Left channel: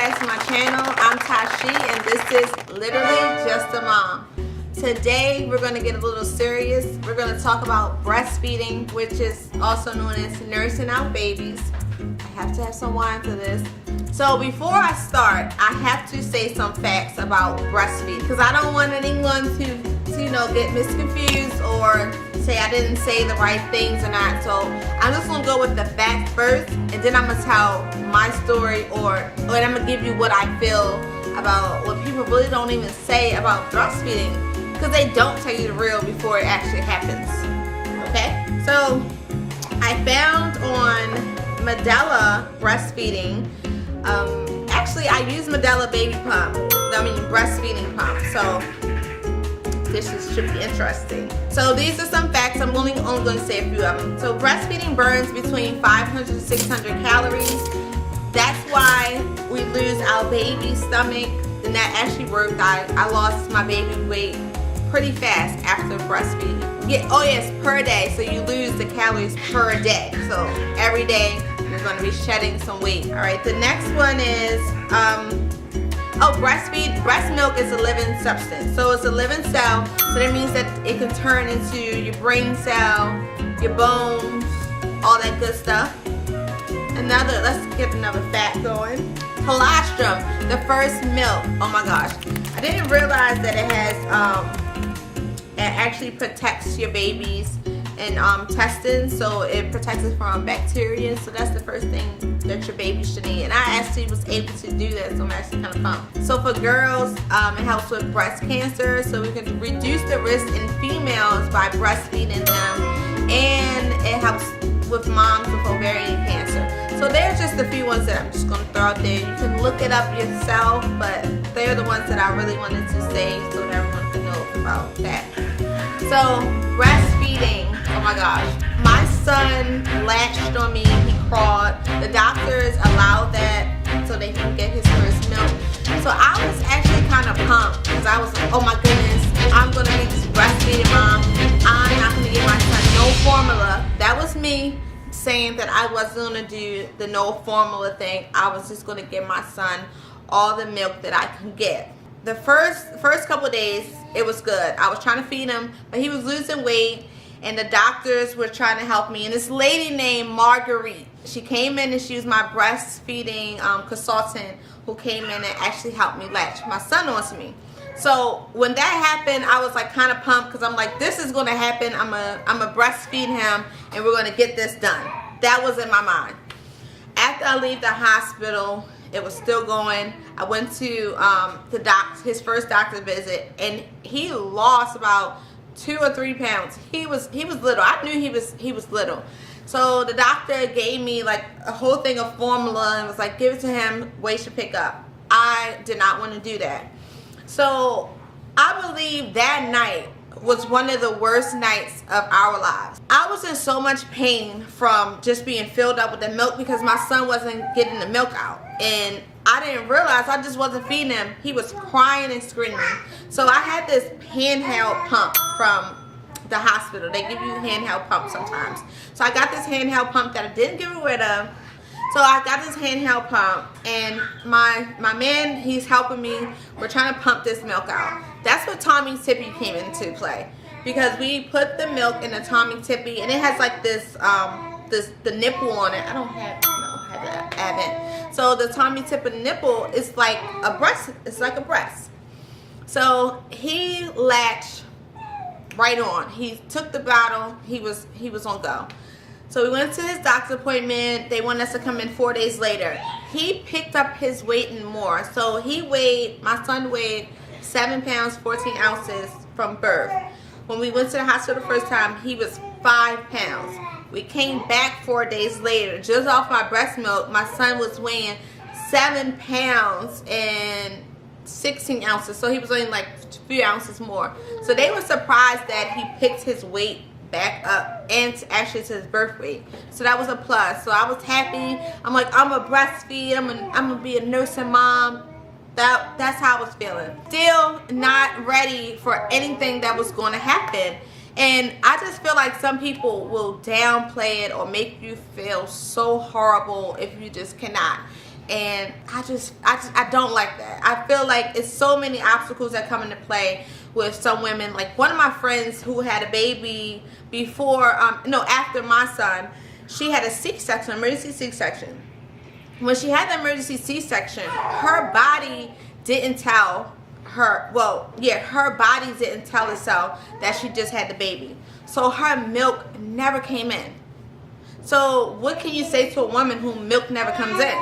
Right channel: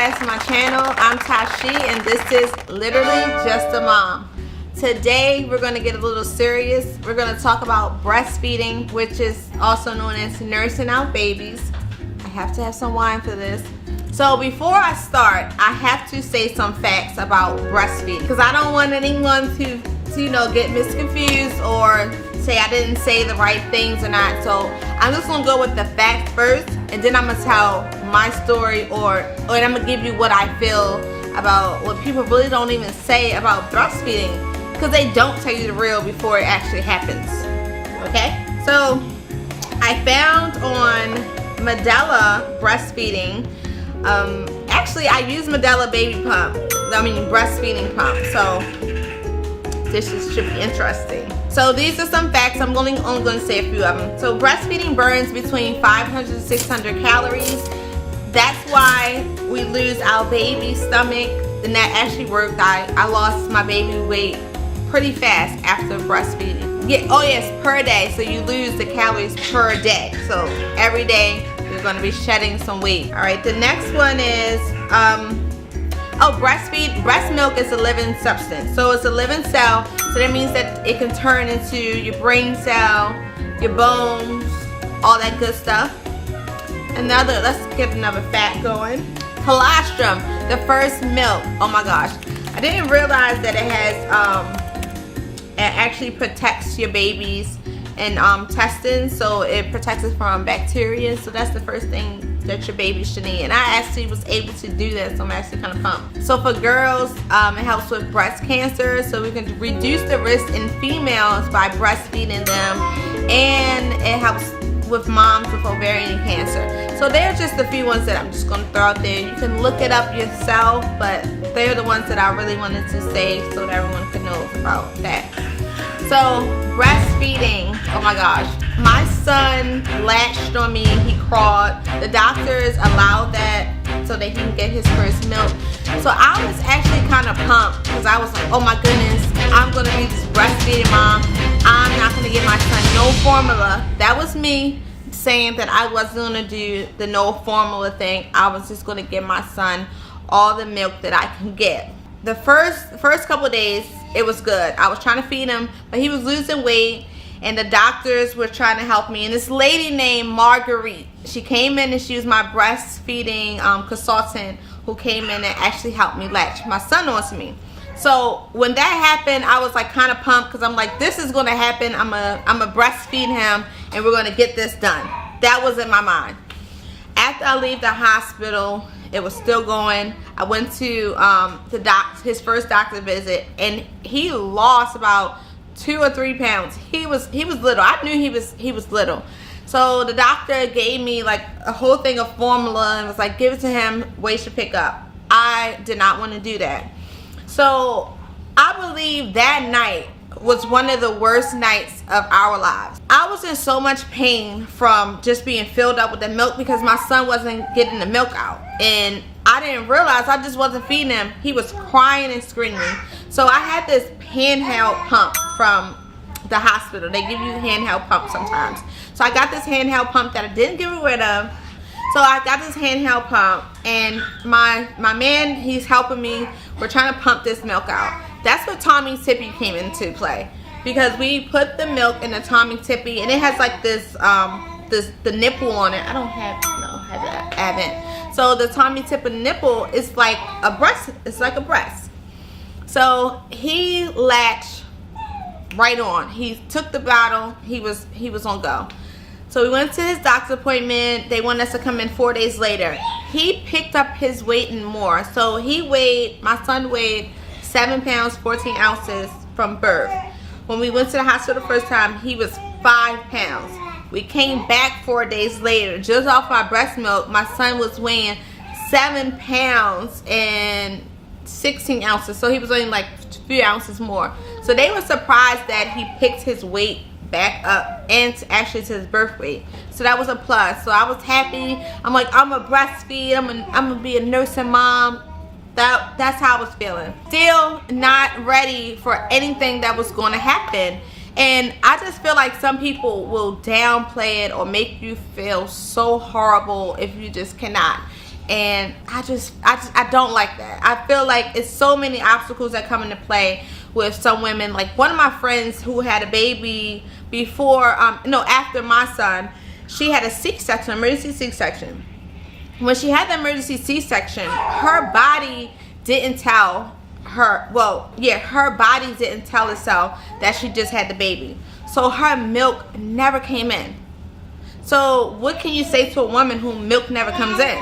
back to my channel. I'm Tashi and this is Literally Just a Mom. Today we're going to get a little serious. We're going to talk about breastfeeding, which is also known as nursing out babies. I have to have some wine for this. So before I start, I have to say some facts about breastfeeding because I don't want anyone to get misconfused or say I didn't say the right things or not. So I'm just going to go with the facts first, and then I'm going to tell my story or I'm going to give you what I feel about what people really don't even say about breastfeeding, because they don't tell you the real before it actually happens. Okay? So I found on Medela breastfeeding, actually I use Medela baby pump, breastfeeding pump, so this should be interesting. So these are some facts. I'm only going to say a few of them. So breastfeeding burns between 500 to 600 calories. That's why we lose our baby's stomach, and that actually worked. I lost my baby weight pretty fast after breastfeeding. Oh yes, per day. So you lose the calories per day. So every day you're going to be shedding some weight. All right. The next one is breast milk is a living substance. So it's a living cell. So that means that it can turn into your brain cell, your bones, all that good stuff. Let's get another fact going. Colostrum, the first milk. Oh my gosh. I didn't realize that it has, it actually protects your baby's intestines. So it protects it from bacteria. So that's the first thing that your baby should eat. And I actually was able to do that, so I'm actually kind of pumped. So for girls, it helps with breast cancer. So we can reduce the risk in females by breastfeeding them. And it helps with moms with ovarian cancer. So there's just a few ones that I'm just going to throw out there. You can look it up yourself, but they're the ones that I really wanted to say so everyone can know about that. So breastfeeding, oh my gosh. My son latched on me, he crawled. The doctors allowed that so that he can get his first milk. So I was actually kind of pumped because I was like, oh my goodness, I'm going to be this breastfeeding mom. I'm not going to give my son no formula. That was me saying that I wasn't going to do the no formula thing. I was just going to give my son all the milk that I can get. The first couple of days, it was good. I was trying to feed him, but he was losing weight, and the doctors were trying to help me. And this lady named Marguerite, she came in and she was my breastfeeding consultant who came in and actually helped me latch my son onto me. So when that happened, I was like kind of pumped because I'm like, this is going to happen. I'm a breastfeed him and we're going to get this done. That was in my mind. After I leave the hospital, it was still going. I went to his first doctor visit, and he lost about 2 or 3 pounds. He was little. I knew he was little. So the doctor gave me like a whole thing of formula and was like, give it to him, weight should pick up. I did not want to do that. So I believe that night was one of the worst nights of our lives. I was in so much pain from just being filled up with the milk because my son wasn't getting the milk out. And I didn't realize I just wasn't feeding him. He was crying and screaming. So I had this handheld pump from the hospital. They give you the handheld pump sometimes. So I got this handheld pump that I didn't get rid of. So I got this handheld pump, and my man, he's helping me. We're trying to pump this milk out. That's where Tommy Tippy came into play, because we put the milk in the Tommy Tippy, and it has like this the nipple on it. I haven't. So the Tommy Tippy nipple is like a breast. It's like a breast. So he latched right on. He took the bottle. He was on go. So we went to his doctor's appointment. They wanted us to come in 4 days later. He picked up his weight and more. So my son weighed 7 pounds, 14 ounces from birth. When we went to the hospital the first time, he was 5 pounds. We came back 4 days later. Just off my breast milk, my son was weighing 7 pounds and 16 ounces. So he was only like a few ounces more. So they were surprised that he picked his weight back up and actually to his birth weight. So that was a plus. So I was happy. I'm like, I'm a breastfeed. I'm gonna be a nursing mom. That's how I was feeling. Still not ready for anything that was going to happen. And I just feel like some people will downplay it or make you feel so horrible if you just cannot. And I don't like that. I feel like it's so many obstacles that come into play with some women. Like one of my friends who had a baby before, after my son, she had a C-section, emergency C-section. When she had the emergency C-section, her body didn't tell her, her body didn't tell itself that she just had the baby. So her milk never came in. So what can you say to a woman who milk never comes in?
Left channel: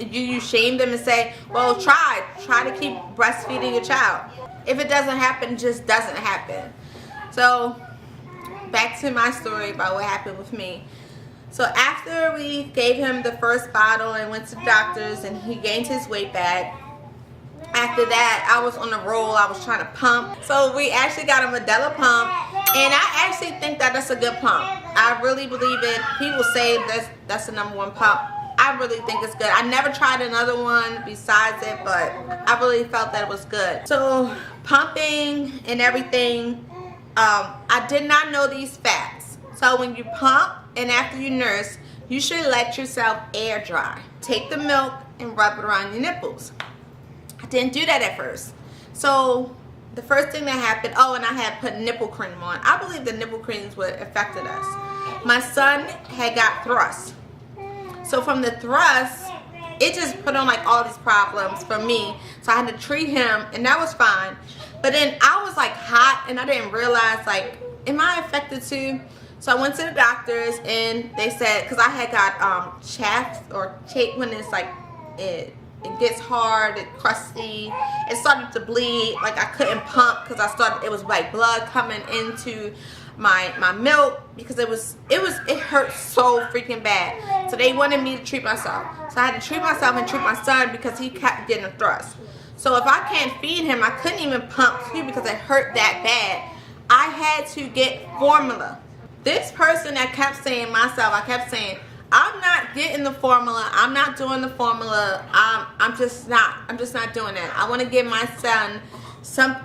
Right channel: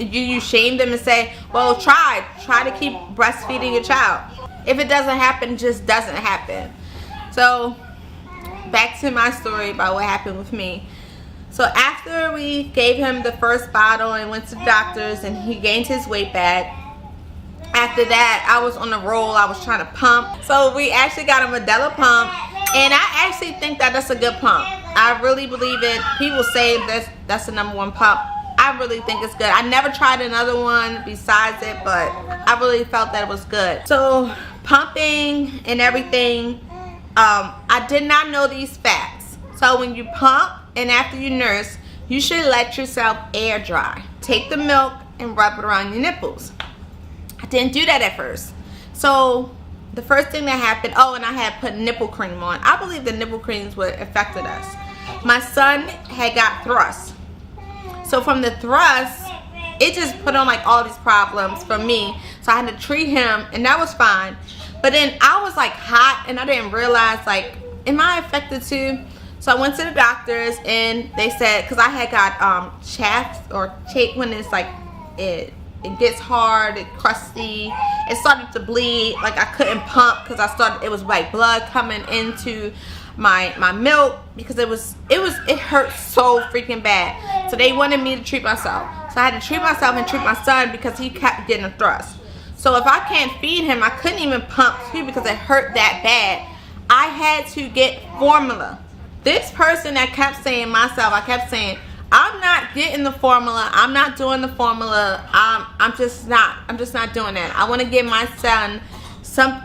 You shame them and say, well, try to keep breastfeeding your child. If it doesn't happen, it just doesn't happen. So back to my story about what happened with me. So after we gave him the first bottle and went to the doctors and he gained his weight back, after that I was on a roll. I was trying to pump. So we actually got a Medela pump, and I actually think that that's a good pump. I really believe it. People say that's the #1 pump. I really think it's good. I never tried another one besides it, but I really felt that it was good. So pumping and everything, I did not know these facts. So when you pump and after you nurse, you should let yourself air dry. Take the milk and rub it around your nipples. I didn't do that at first. So the first thing that happened, and I had put nipple cream on. I believe the nipple creams would affected us. My son had got thrust. So from the thrust, it just put on like all these problems for me. So I had to treat him, and that was fine. But then I was like hot, and I didn't realize, like, am I affected too? So I went to the doctors, and they said, because I had got chafe or cake when it's like it gets hard, it's crusty, it started to bleed, like I couldn't pump because it was like blood coming into my milk because it hurt so freaking bad. So they wanted me to treat myself. So I had to treat myself and treat my son because he kept getting a thrust. So if I can't feed him, I couldn't even pump too because it hurt that bad. I had to get formula. This person that kept saying I kept saying, I'm not getting the formula. I'm not doing the formula. I'm just not doing that. I want to give my son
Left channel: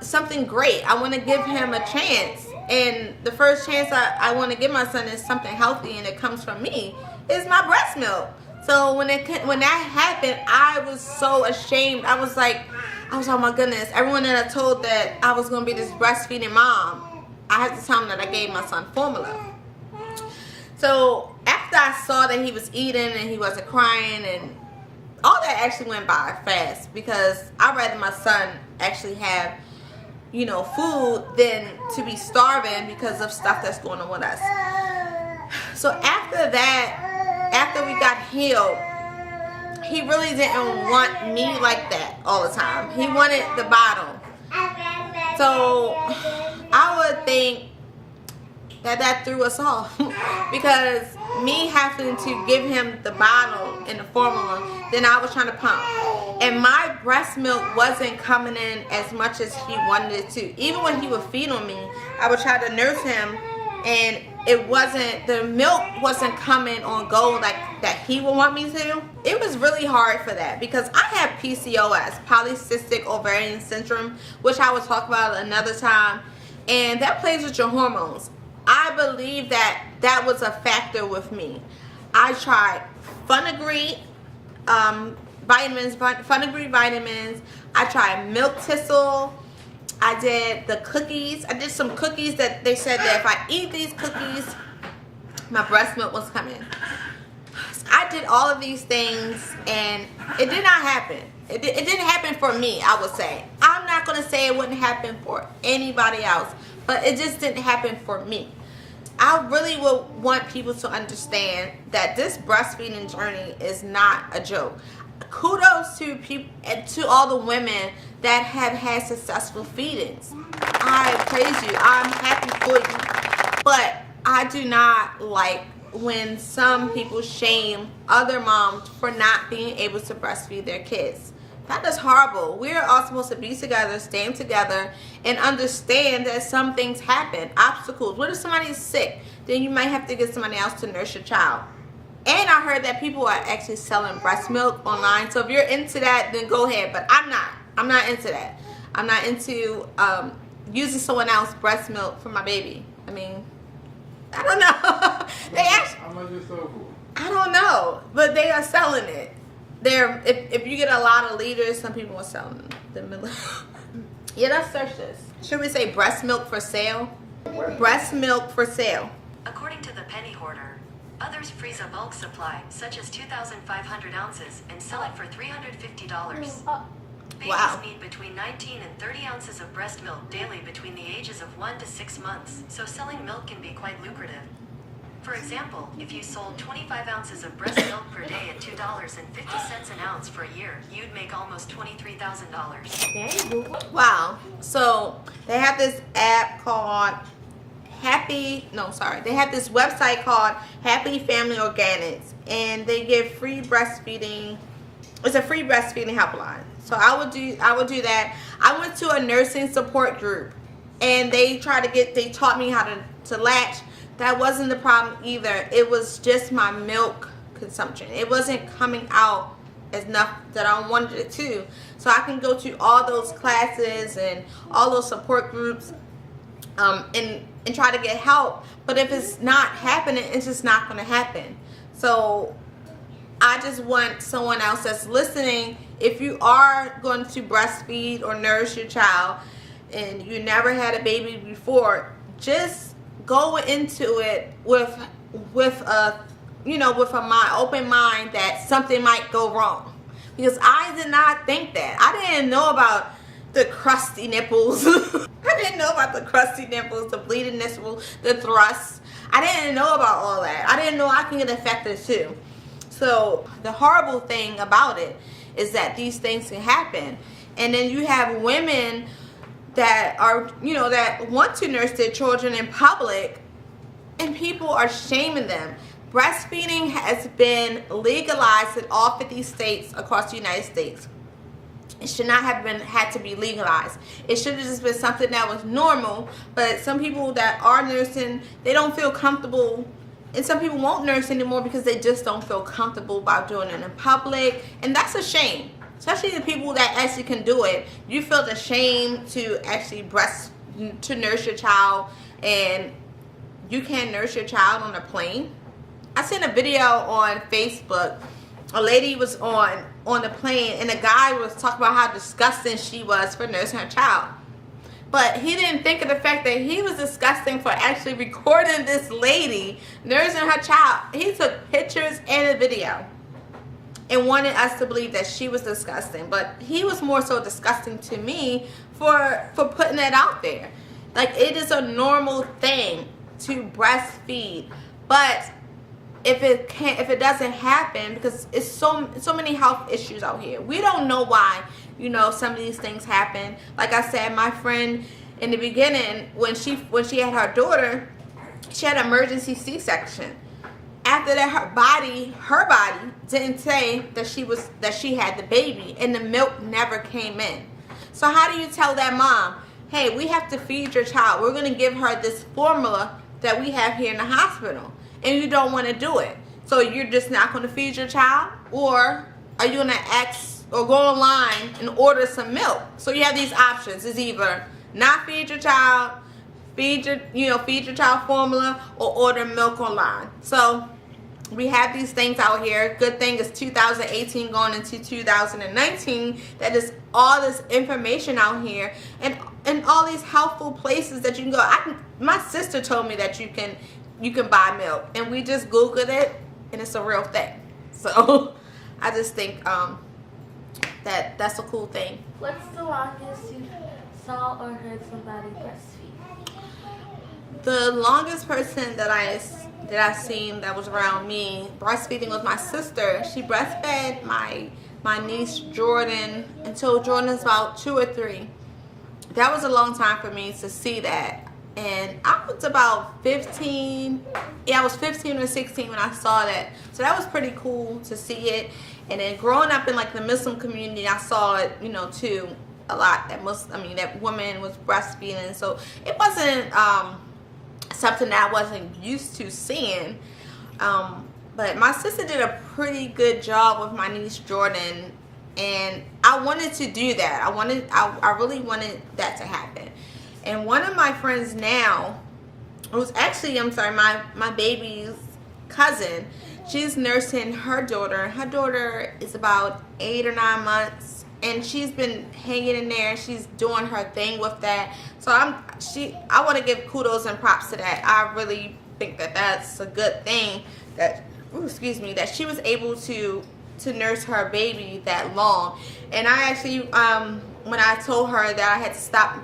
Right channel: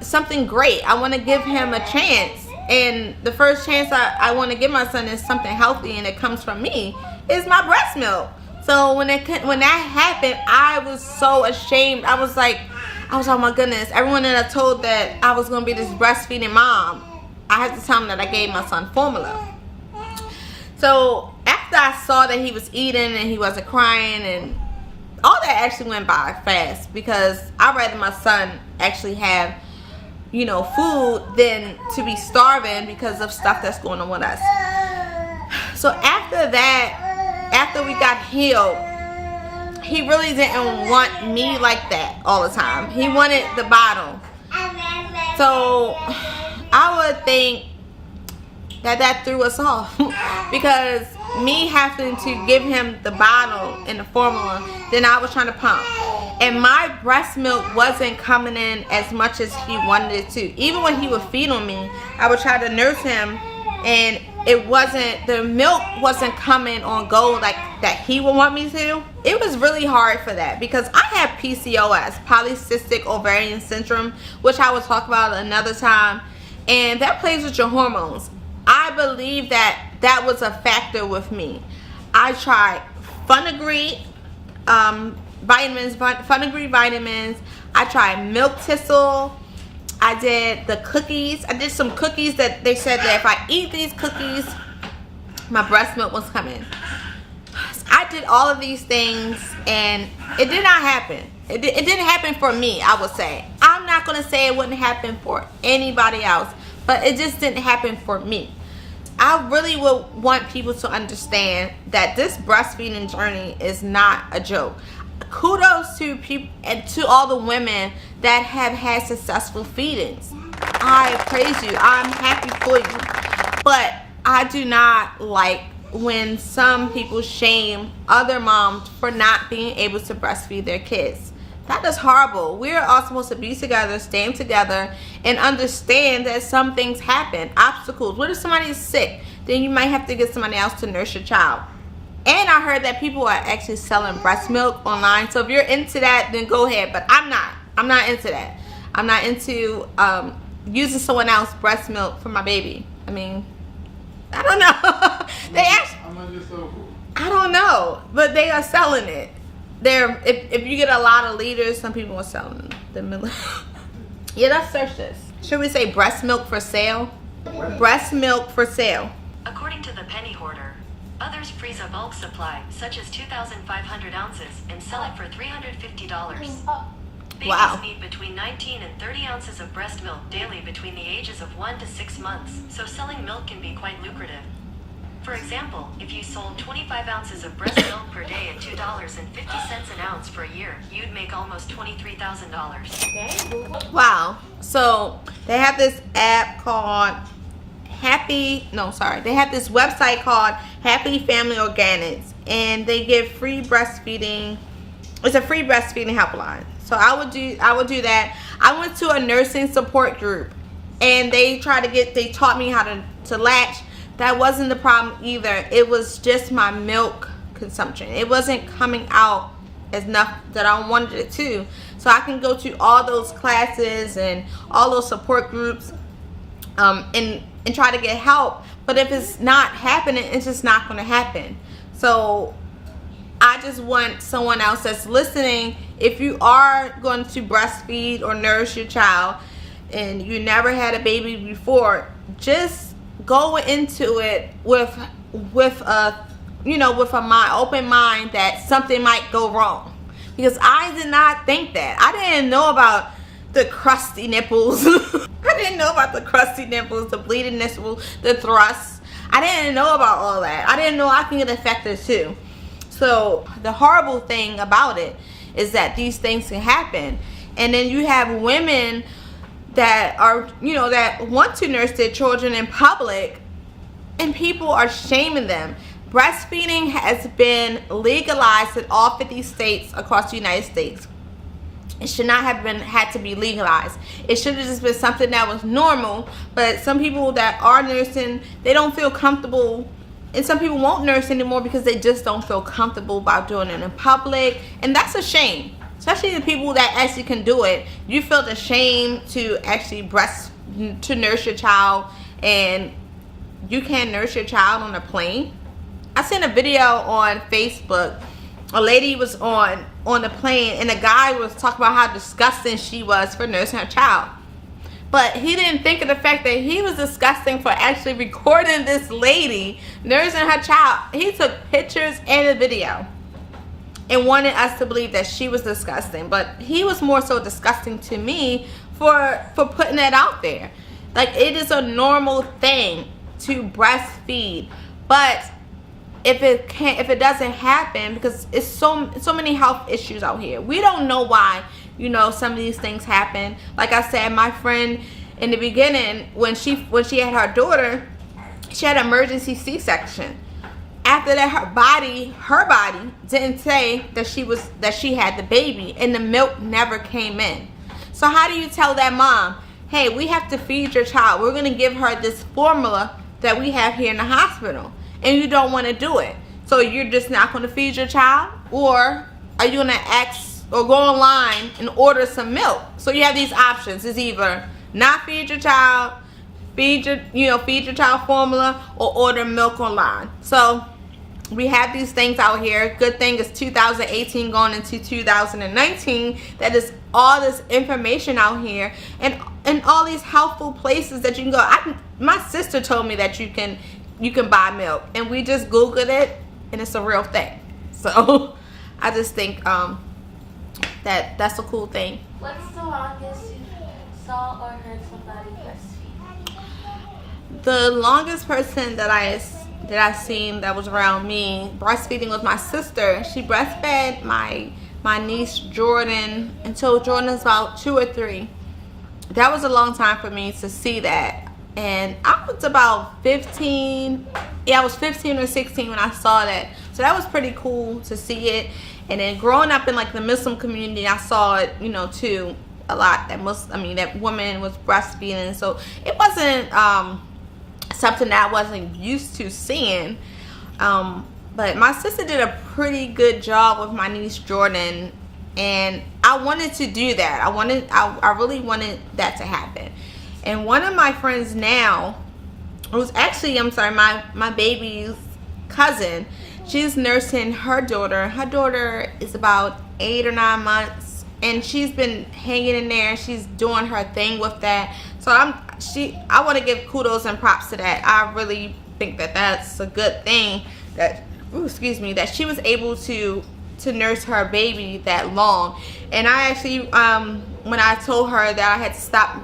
something great. I want to give him a chance. And the first chance I want to give my son is something healthy, and it comes from me, is my breast milk. So when that happened, I was so ashamed. I was oh my goodness. Everyone that I told that I was going to be this breastfeeding mom, I had to tell them that I gave my son formula. So after I saw that he was eating and he wasn't crying, and all that actually went by fast, because I'd rather my son actually have, food than to be starving because of stuff that's going on with us. So after that, after we got healed, he really didn't want me like that all the time. He wanted the bottle. So I would think that threw us off because me having to give him the bottle and the formula, then I was trying to pump, and my breast milk wasn't coming in as much as he wanted it to. Even when he would feed on me, I would try to nurse him, and the milk wasn't coming on go like that he would want me to. It was really hard for that because I have PCOS, polycystic ovarian syndrome, which I will talk about another time, and that plays with your hormones. I believe that was a factor with me. I tried Funagreed vitamins. I tried milk thistle. I did the cookies. I did some cookies that they said that if I eat these cookies, my breast milk was coming. I did all of these things, and it did not happen. It didn't happen for me, I would say. I'm not going to say it wouldn't happen for anybody else, but it just didn't happen for me. I really would want people to understand that this breastfeeding journey is not a joke. Kudos to people and to all the women that have had successful feedings. I praise you. I'm happy for you. But I do not like when some people shame other moms for not being able to breastfeed their kids. That is horrible. We're all supposed to be together, stand together, and understand that some things happen, obstacles. What if somebody is sick? Then you might have to get somebody else to nurse your child. And I heard that people are actually selling breast milk online. So if you're into that, then go ahead. But I'm not. I'm not into that. I'm not into using someone else's breast milk for my baby. I mean, I don't know. I don't know. But they are selling it. if you get a lot of liters, some people are selling the milk. Yeah, let's search this. Should we say breast milk for sale? Breast milk for sale. According to the penny hoarder, others freeze a bulk supply, such as 2,500 ounces, and sell it for $350. Babies need between 19 and 30 ounces of breast milk daily between the ages of 1 to 6 months, so selling milk can be quite lucrative. For example, if you sold 25 ounces of breast milk per day at $2.50 an ounce for a year, you'd make almost $23,000. Wow. So they have this app called they have this website called Happy Family Organics, and they give free breastfeeding. It's a free breastfeeding helpline. So I would do that. I went to a nursing support group, and they taught me how to latch. That wasn't the problem either. It was just my milk consumption. It wasn't coming out as enough that I wanted it to. So I can go to all those classes and all those support groups and try to get help. But if it's not happening, it's just not going to happen. So I just want someone else that's listening, if you are going to breastfeed or nurse your child and you never had a baby before, just go into it with a open mind that something might go wrong. Because I did not think that. I didn't know about the crusty nipples. I didn't know about the crusty nipples, the bleeding nipples, the thrusts. I didn't know about all that. I didn't know I can get affected too. So the horrible thing about it is that these things can happen. And then you have women that are, that want to nurse their children in public, and people are shaming them. Breastfeeding has been legalized in all 50 states across the United States. It should not have had to be legalized. It should have just been something that was normal. But some people that are nursing, they don't feel comfortable. And some people won't nurse anymore because they just don't feel comfortable about doing it in public. And that's a shame. Especially the people that actually can do it. You feel the shame to actually to nurse your child, and you can't nurse your child on a plane. I seen a video on Facebook. A lady was on the plane, and the guy was talking about how disgusting she was for nursing her child. But he didn't think of the fact that he was disgusting for actually recording this lady nursing her child. He took pictures and a video and wanted us to believe that she was disgusting. But he was more so disgusting to me for putting that out there. Like, it is a normal thing to breastfeed. But if it doesn't happen, because it's so many health issues out here. We don't know why, some of these things happen. Like I said, my friend in the beginning, when she had her daughter, she had an emergency C-section. After that, her body didn't say that she had the baby, and the milk never came in. So how do you tell that mom, hey, we have to feed your child. We're going to give her this formula that we have here in the hospital, and you don't want to do it. So you're just not going to feed your child? Or are you going to ask or go online and order some milk? So you have these options. It's either not feed your child, feed your child formula, or order milk online. So we have these things out here. Good thing is 2018 going into 2019. That is all this information out here, and all these helpful places that you can go. My sister told me that you can buy milk, and we just Googled it, and it's a real thing. So I just think that's a cool thing. What's the longest you saw or heard somebody breastfeed? The longest person that I seen that was around me breastfeeding was my sister. She breastfed my niece Jordan until Jordan's about 2 or 3. That was a long time for me to see that. And I was about 15. Yeah, I was 15 or 16 when I saw that. So that was pretty cool to see it. And then growing up in like the Muslim community, I saw it, too, a lot. That woman was breastfeeding. So it wasn't something that I wasn't used to seeing. But my sister did a pretty good job with my niece Jordan, and I wanted to do that. I really wanted that to happen. And one of my friends now, it was actually, my baby's cousin. She's nursing her daughter. Her daughter is about 8 or 9 months, and she's been hanging in there. She's doing her thing with that. So I want to give kudos and props to that. I really think that that's a good thing that, that she was able to nurse her baby that long. And I actually, when I told her that I had to stop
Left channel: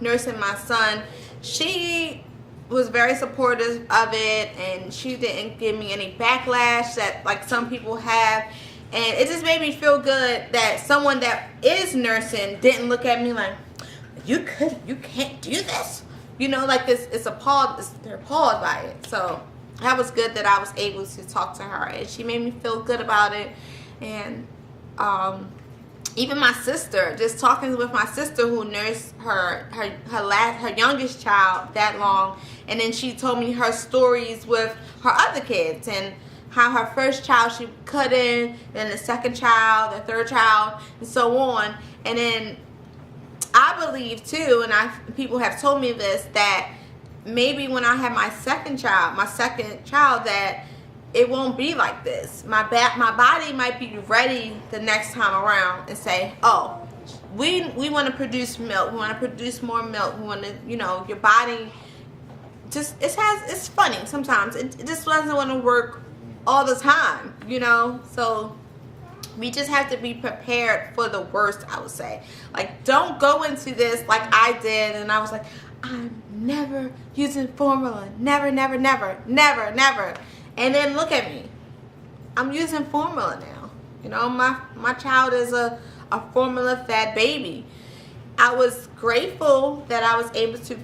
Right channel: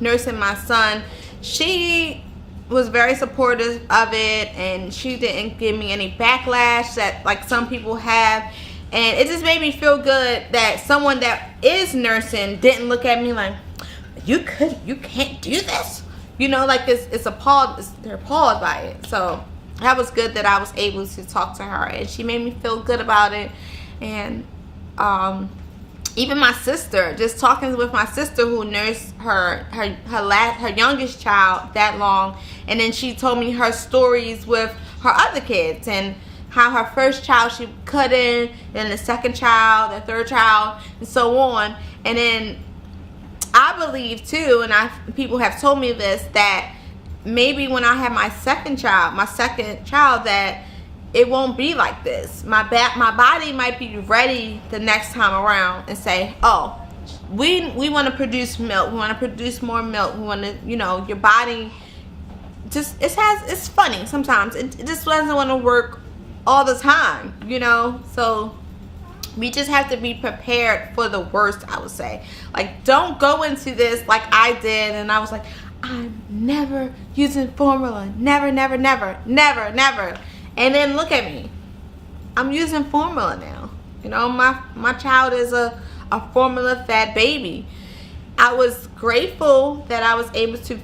nursing my son, she was very supportive of it, and she didn't give me any backlash that like some people have. And it just made me feel good that someone that is nursing didn't look at me like, you can't do this, you know, like it's appalled, they're appalled by it. So that was good that I was able to talk to her, and she made me feel good about it. And even my sister, just talking with my sister who nursed her youngest child that long, and then she told me her stories with her other kids, and how her first child she couldn't, and the second child, the third child, and so on. And then I believe too, and people have told me this, that maybe when I have my second child, that it won't be like this. My body might be ready the next time around and say, oh, we want to produce milk. We want to produce more milk. We want to, you know, your body just, it's funny sometimes. It just doesn't want to work all the time, you know. So we just have to be prepared for the worst, I would say. Like, don't go into this like I did, and I was like, I'm never using formula. Never. And then look at me. I'm using formula now. You know, my child is a formula-fed baby. I was grateful that I was able to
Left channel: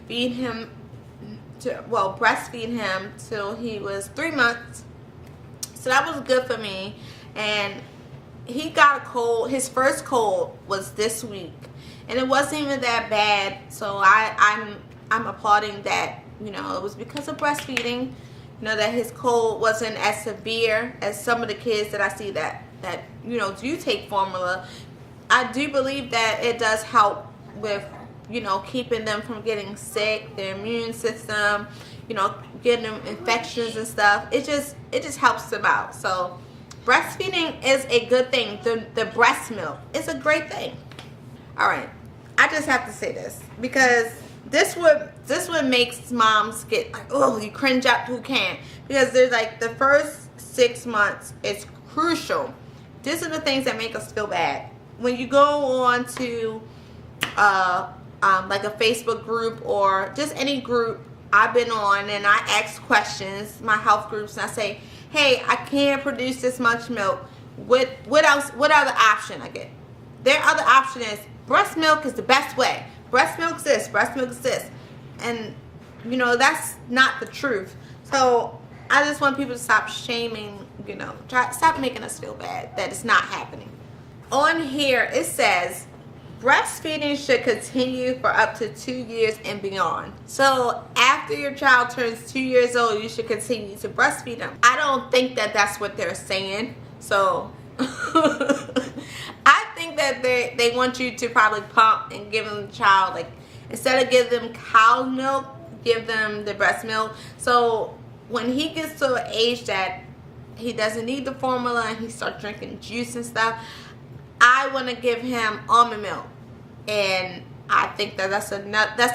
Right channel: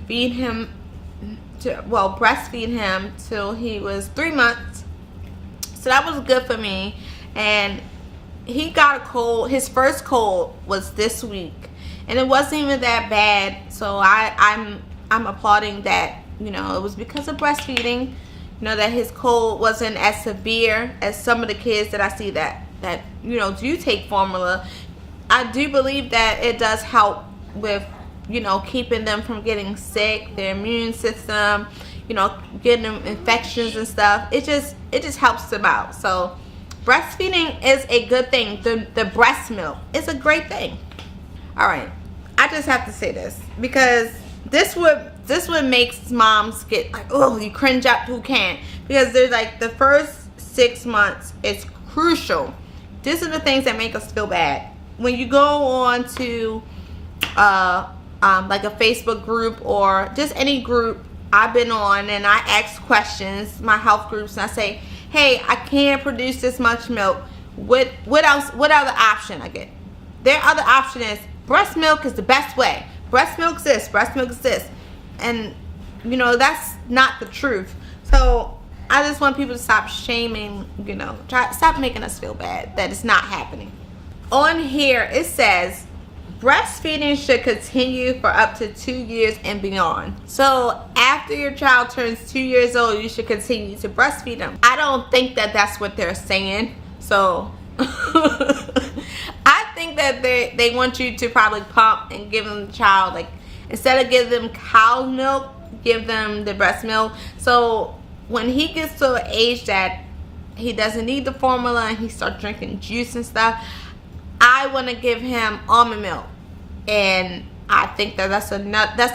breastfeed him till he was 3 months. So that was good for me. And he got a cold. His first cold was this week, and it wasn't even that bad. So I'm applauding that. You know, it was because of breastfeeding. You know, that his cold wasn't as severe as some of the kids that I see that you know, do take formula. I do believe that it does help with, you know, keeping them from getting sick, their immune system, you know, getting them infections and stuff. It just helps them out. So breastfeeding is a good thing. The breast milk is a great thing. All right, I just have to say this because this what makes moms get like, oh, you cringe up who can, because there's like the first 6 months is crucial. These are the things that make us feel bad. When you go on to like a Facebook group or just any group I've been on, and I ask questions, my health groups, and I say, hey, I can't produce this much milk. What else? What other option I get? Their other option is breast milk is the best way. Breast milk's this, breast milk's this. And, you know, that's not the truth. So I just want people to stop shaming, you know, stop making us feel bad that it's not happening. On here, it says, breastfeeding should continue for up to 2 years and beyond. So after your child turns 2 years old, you should continue to breastfeed them. I don't think that that's what they're saying. So I think that they want you to probably pump and give them the child, like, instead of giving them cow milk, give them the breast milk. So when he gets to an age that he doesn't need the formula and he starts drinking juice and stuff, I want to give him almond milk. And I think that that's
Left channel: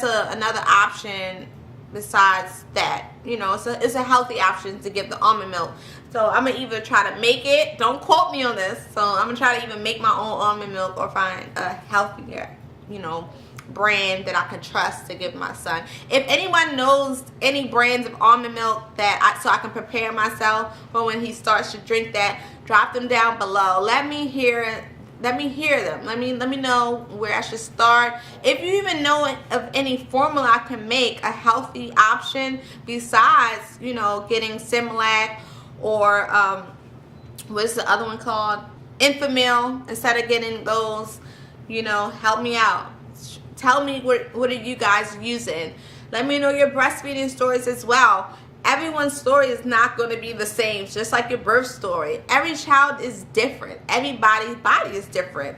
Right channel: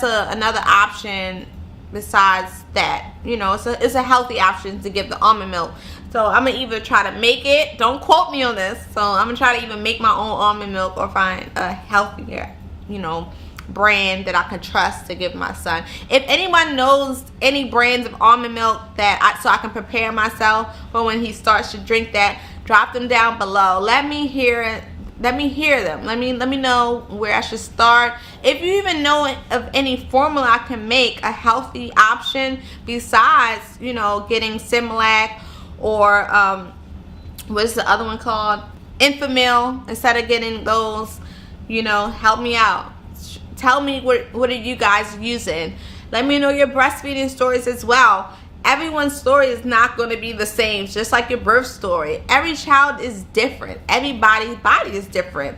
another option besides that. You know, it's a healthy option to give the almond milk. So I'm going to either try to make it, don't quote me on this, so I'm going to try to either make my own almond milk or find a healthier, you know, brand that I can trust to give my son. If anyone knows any brands of almond milk so I can prepare myself for when he starts to drink that, drop them down below. Let me hear it. Let me hear them. Let me know where I should start. If you even know of any formula I can make a healthy option besides, you know, getting Similac or what's the other one called? Enfamil. Instead of getting those, you know, help me out. Tell me what are you guys using. Let me know your breastfeeding stories as well. Everyone's story is not going to be the same, just like your birth story. Every child is different. Everybody's body is different.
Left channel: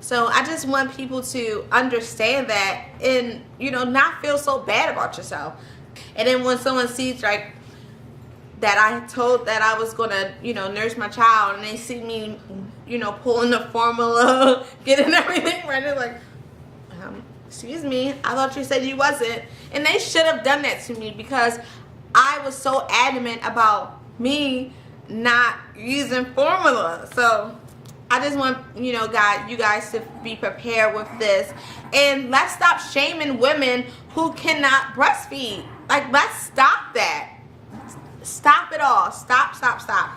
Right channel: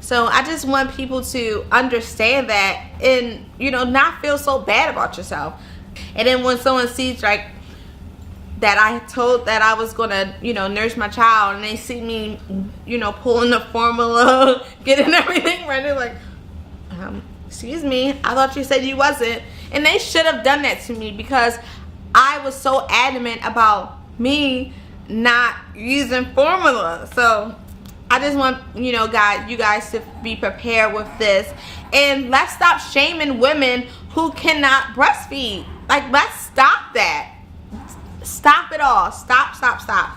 So I just want people to understand that and, you know, not feel so bad about yourself. And then when someone sees, like, that I told that I was gonna, you know, nurse my child, and they see me, you know, pulling the formula, getting everything ready, like, excuse me, I thought you said you wasn't. And they should have done that to me, because I was so adamant about me not using formula. So I just want, you know, you guys to be prepared with this. And let's stop shaming women who cannot breastfeed. Like, let's stop that. Stop it all. Stop.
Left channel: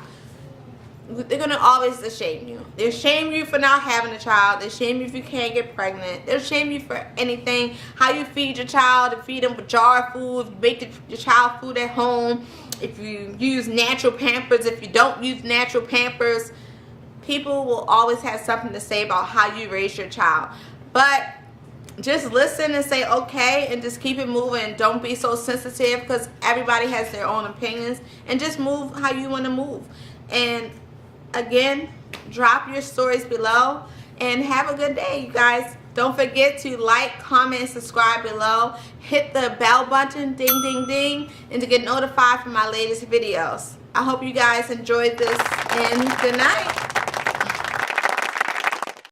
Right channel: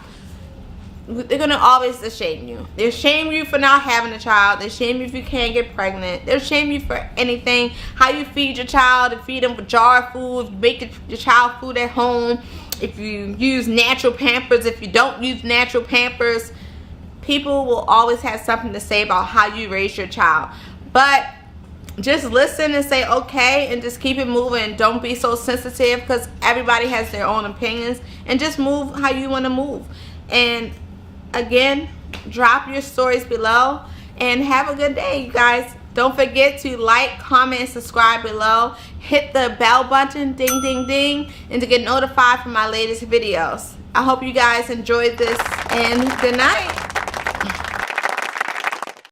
They're going to always shame you. They'll shame you for not having a child. They'll shame you if you can't get pregnant. They'll shame you for anything. How you feed your child, to feed them with jar food, you make your child food at home, if you use natural Pampers, if you don't use natural Pampers. People will always have something to say about how you raise your child. But just listen and say okay, and just keep it moving. Don't be so sensitive, because everybody has their own opinions, and just move how you want to move. And again, drop your stories below, and have a good day, you guys. Don't forget to like, comment, and subscribe below. Hit the bell button, ding ding ding, and to get notified for my latest videos. I hope you guys enjoyed this, and good night.